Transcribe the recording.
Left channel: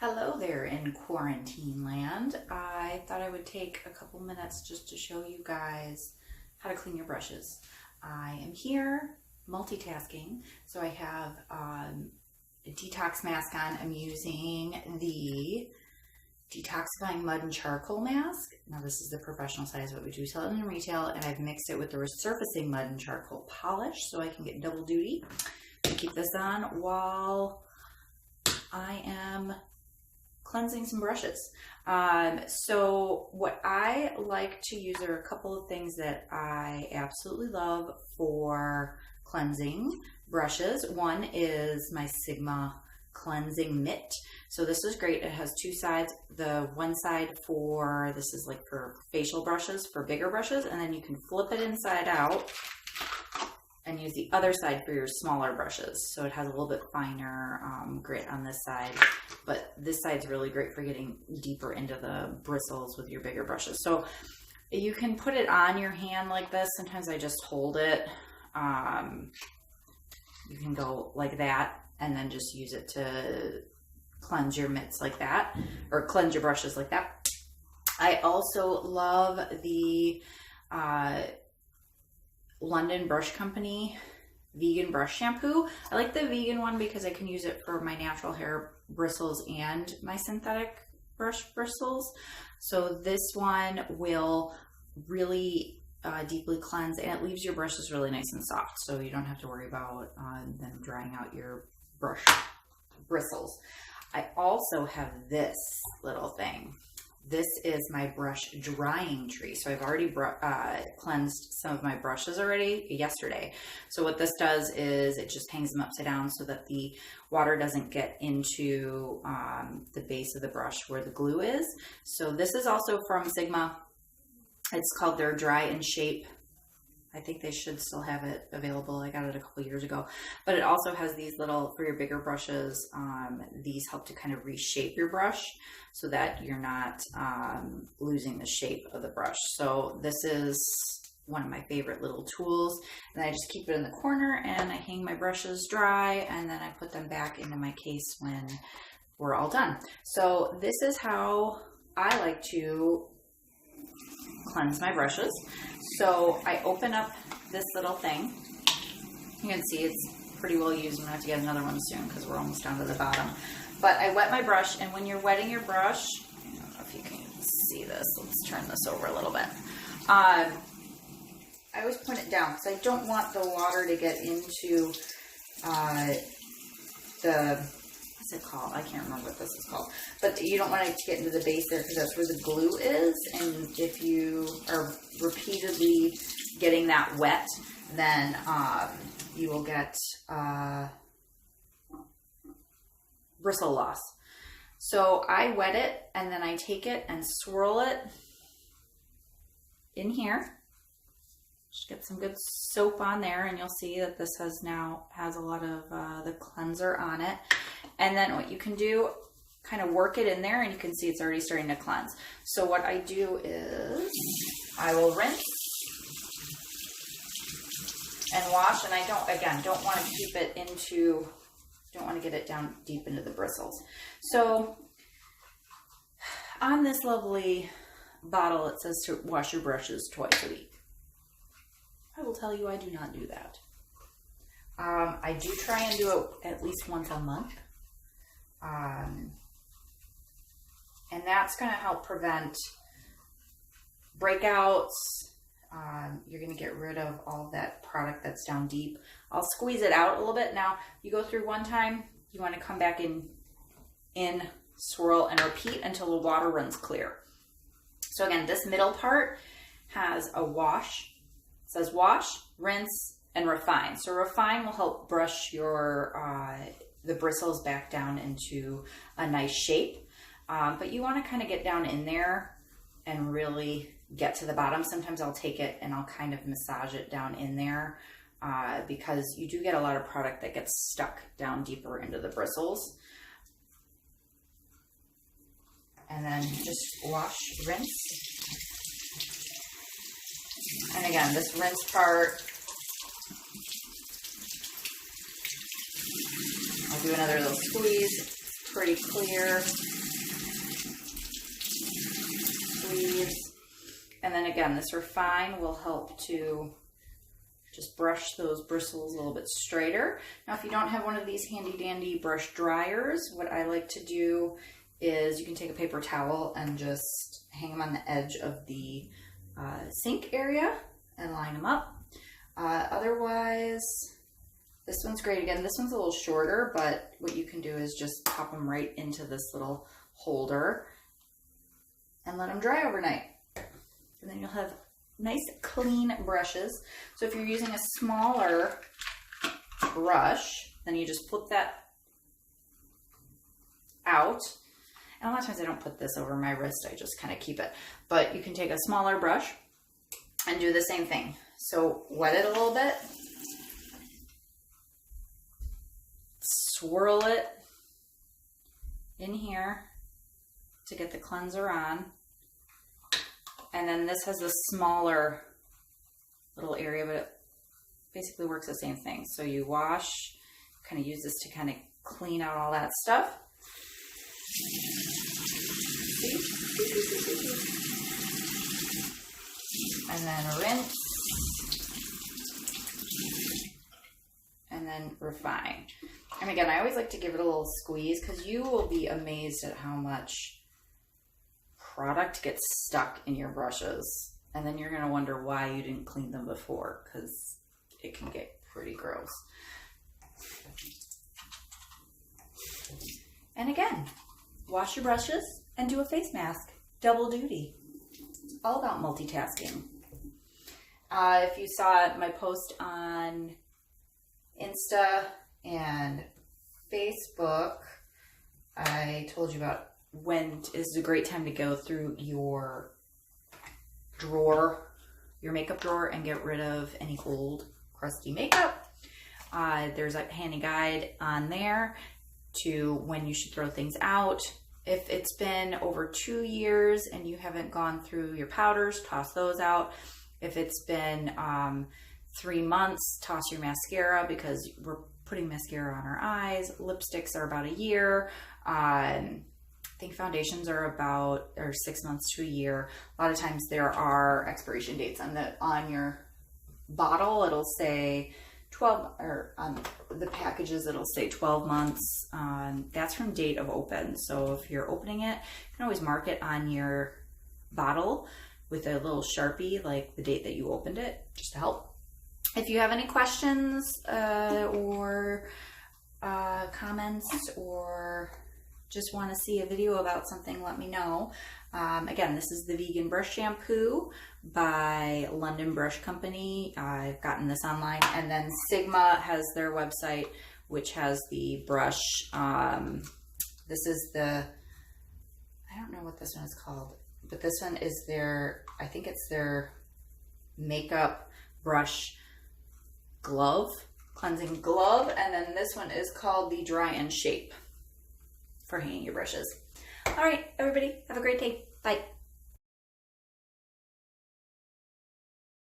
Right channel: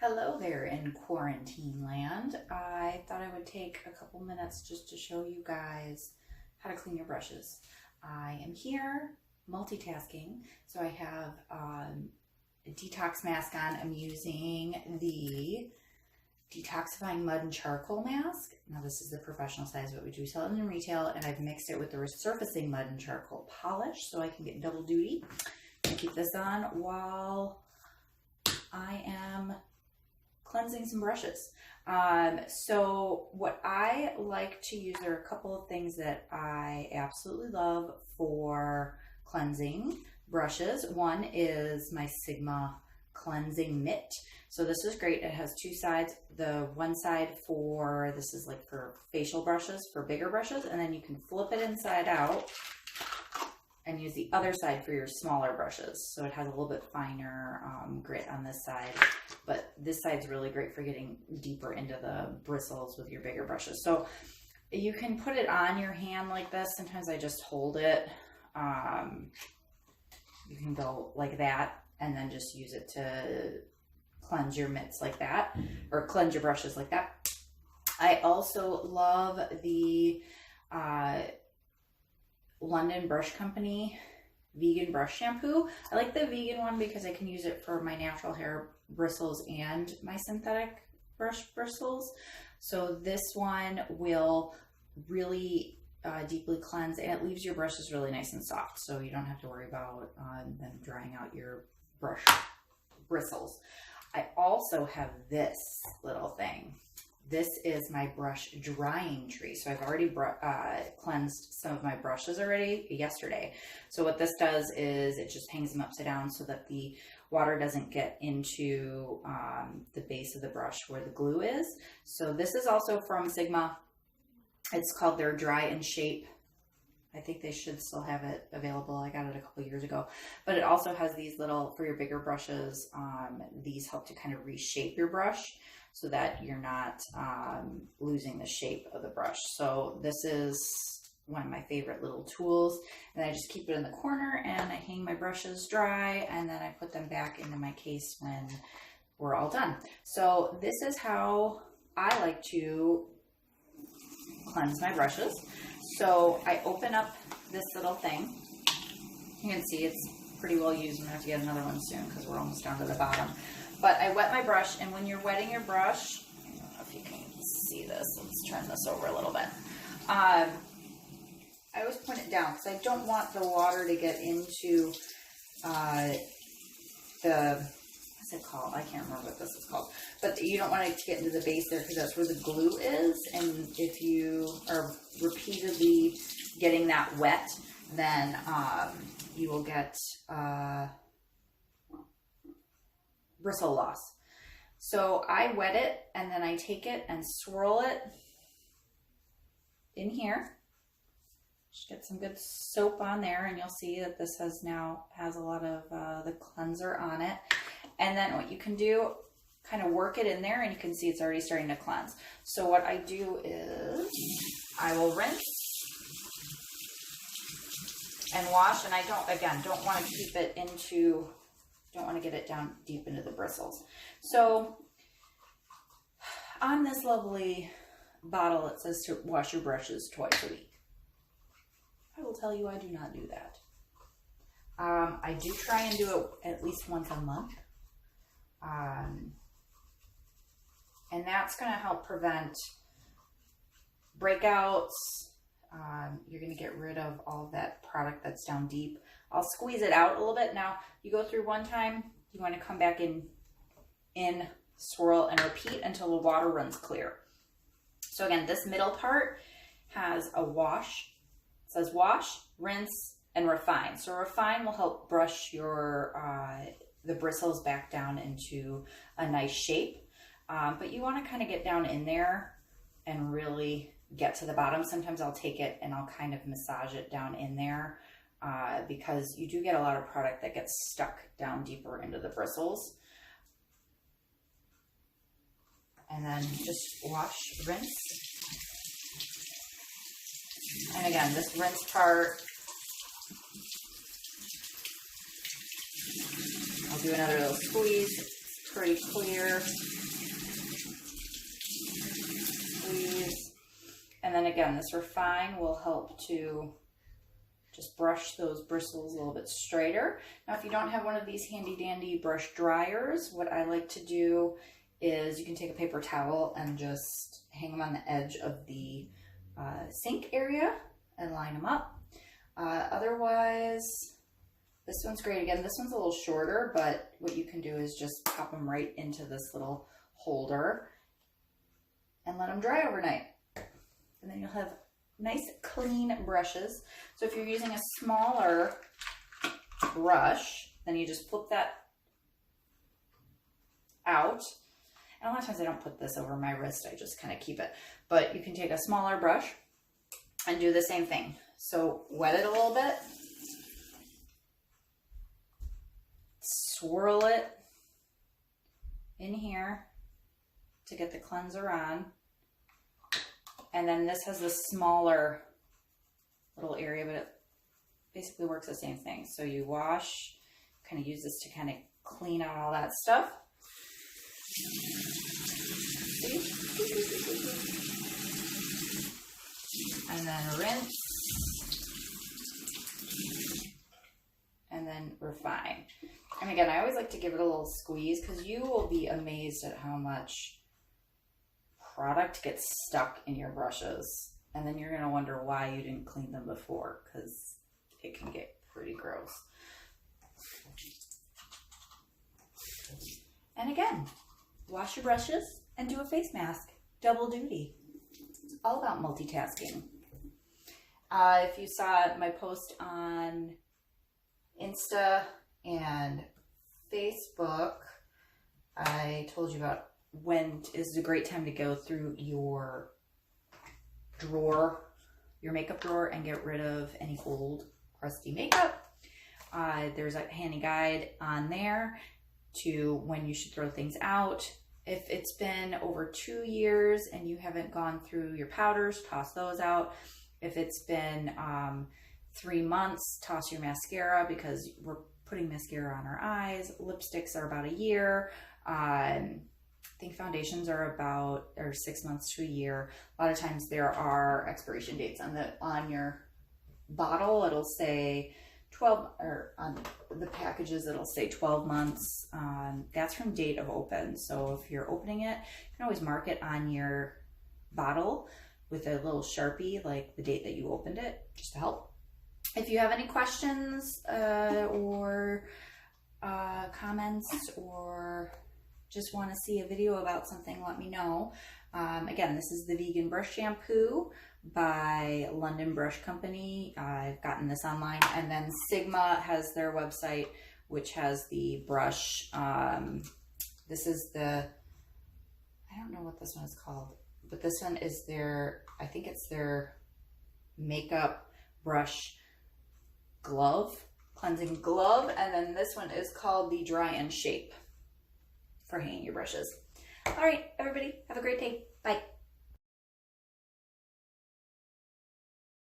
Hello there in quarantine land. I thought I would take a couple minutes just to show you guys how to clean your brushes. I am here multitasking. So I have a detox mask on. I'm using the detoxifying mud and charcoal mask. Now this is the professional size, but we do sell it in retail, and I've mixed it with the Resurfacing mud and charcoal polish so I can get double duty. I keep this on while I am cleansing some brushes. So what I like to use are a couple of things that I absolutely love for cleansing brushes. One is my Sigma cleansing mitt. So this is great. It has two sides. The one side for, this is like for facial brushes, for bigger brushes, and then you can flip it inside out and use the other side for your smaller brushes. So it has a little bit finer grit on this side, but this side's really great for getting deeper into the bristles with your bigger brushes. So you can put it on your hand like this. Sometimes I just hold it. You can go like that and then just use it to cleanse your mitts like that, or cleanse your brushes like that. I also love the London Brush Company vegan brush shampoo. I like the vegan one because I can use it for my natural hair bristles and my synthetic brush bristles. So this one will really deeply cleanse, and it leaves your brushes really nice and soft, so you don't have to worry about them drying out your brush bristles. I also have this little thing. This is my brush drying tree. So I've already cleansed some of my brushes already yesterday. So what this does is it just hangs them upside down so that the water doesn't get into the base of the brush where the glue is. So this is also from Sigma. It's called their Dry and Shape. I think they should still have it available. I got it a couple years ago. But it also has these little, for your bigger brushes, these help to kind of reshape your brush so that you're not losing the shape of the brush. So this is one of my favorite little tools. And I just keep it in the corner and I hang my brushes dry, and then I put them back into my case when we're all done. So this is how I like to cleanse my brushes. So I open up this little thing. You can see it's pretty well used. I'm gonna have to get another one soon because we're almost down to the bottom. But I wet my brush, and when you're wetting your brush, I don't know if you can see this. Let's turn this over a little bit. I always point it down because I don't want the water to get into what's it called? I can't remember what this is called. But you don't want it to get into the base there because that's where the glue is. And if you are repeatedly getting that wet, then you will get bristle loss. So I wet it, and then I take it and swirl it in here. Just get some good soap on there, and you'll see that this has a lot of the cleanser on it. And then what you can do, kind of work it in there, and you can see it's already starting to cleanse. So what I do is I will rinse and wash, and I don't want to keep it into, don't want to get it down deep into the bristles. So on this lovely bottle, it says to wash your brushes twice a week. I will tell you I do not do that. I do try and do it at least once a month. And that's going to help prevent breakouts. You're going to get rid of all that product that's down deep. I'll squeeze it out a little bit. Now, you go through one time, you want to come back in, swirl, and repeat until the water runs clear. So again, this middle part has a wash. It says wash, rinse, and refine. So refine will help brush your the bristles back down into a nice shape. But you want to kind of get down in there and really get to the bottom. Sometimes I'll take it and I'll kind of massage it down in there because you do get a lot of product that gets stuck down deeper into the bristles. And then just wash, rinse. And again, this rinse part, I'll do another little squeeze. pretty clear. Squeeze. And then again, this Refine will help to just brush those bristles a little bit straighter. Now, if you don't have one of these handy dandy brush dryers, what I like to do is you can take a paper towel and just hang them on the edge of the sink area and line them up. Otherwise, this one's great. Again, this one's a little shorter, but what you can do is just pop them right into this little holder and let them dry overnight. And then you'll have nice clean brushes. So if you're using a smaller brush, then you just flip that out. And a lot of times I don't put this over my wrist, I just kind of keep it. But you can take a smaller brush and do the same thing. So wet it a little bit, swirl it in here to get the cleanser on. And then this has the smaller little area, but it basically works the same thing. So you wash, kind of use this to kind of clean out all that stuff. See? And then rinse. And then refine. And again, I always like to give it a little squeeze because you will be amazed at how much product gets stuck in your brushes. And then you're going to wonder why you didn't clean them before, because it can get pretty gross. And again, wash your brushes and do a face mask. Double duty. It's all about multitasking. If you saw my post on Insta and Facebook, I told you about when is a great time to go through your drawer, your makeup drawer, and get rid of any old crusty makeup. There's a handy guide on there to when you should throw things out. If it's been over 2 years and you haven't gone through your powders, toss those out. If it's been 3 months, toss your mascara, because we're putting mascara on our eyes. Lipsticks are about a year. I think foundations are 6 months to a year. A lot of times there are expiration dates on your bottle. It'll say 12, or on the packages it'll say 12 months. That's from date of open. So if you're opening it, you can always mark it on your bottle with a little Sharpie, like the date that you opened it, just to help. If you have any questions or comments, or just want to see a video about something, let me know. Again, this is the Vegan Brush Shampoo by London Brush Company. I've gotten this online. And then Sigma has their website, which has the brush. This is the, I don't know what this one is called, but this one is their, I think it's their makeup brush glove, cleansing glove. And then this one is called the Dry and Shape for hanging your brushes. All right, everybody, have a great day. Bye.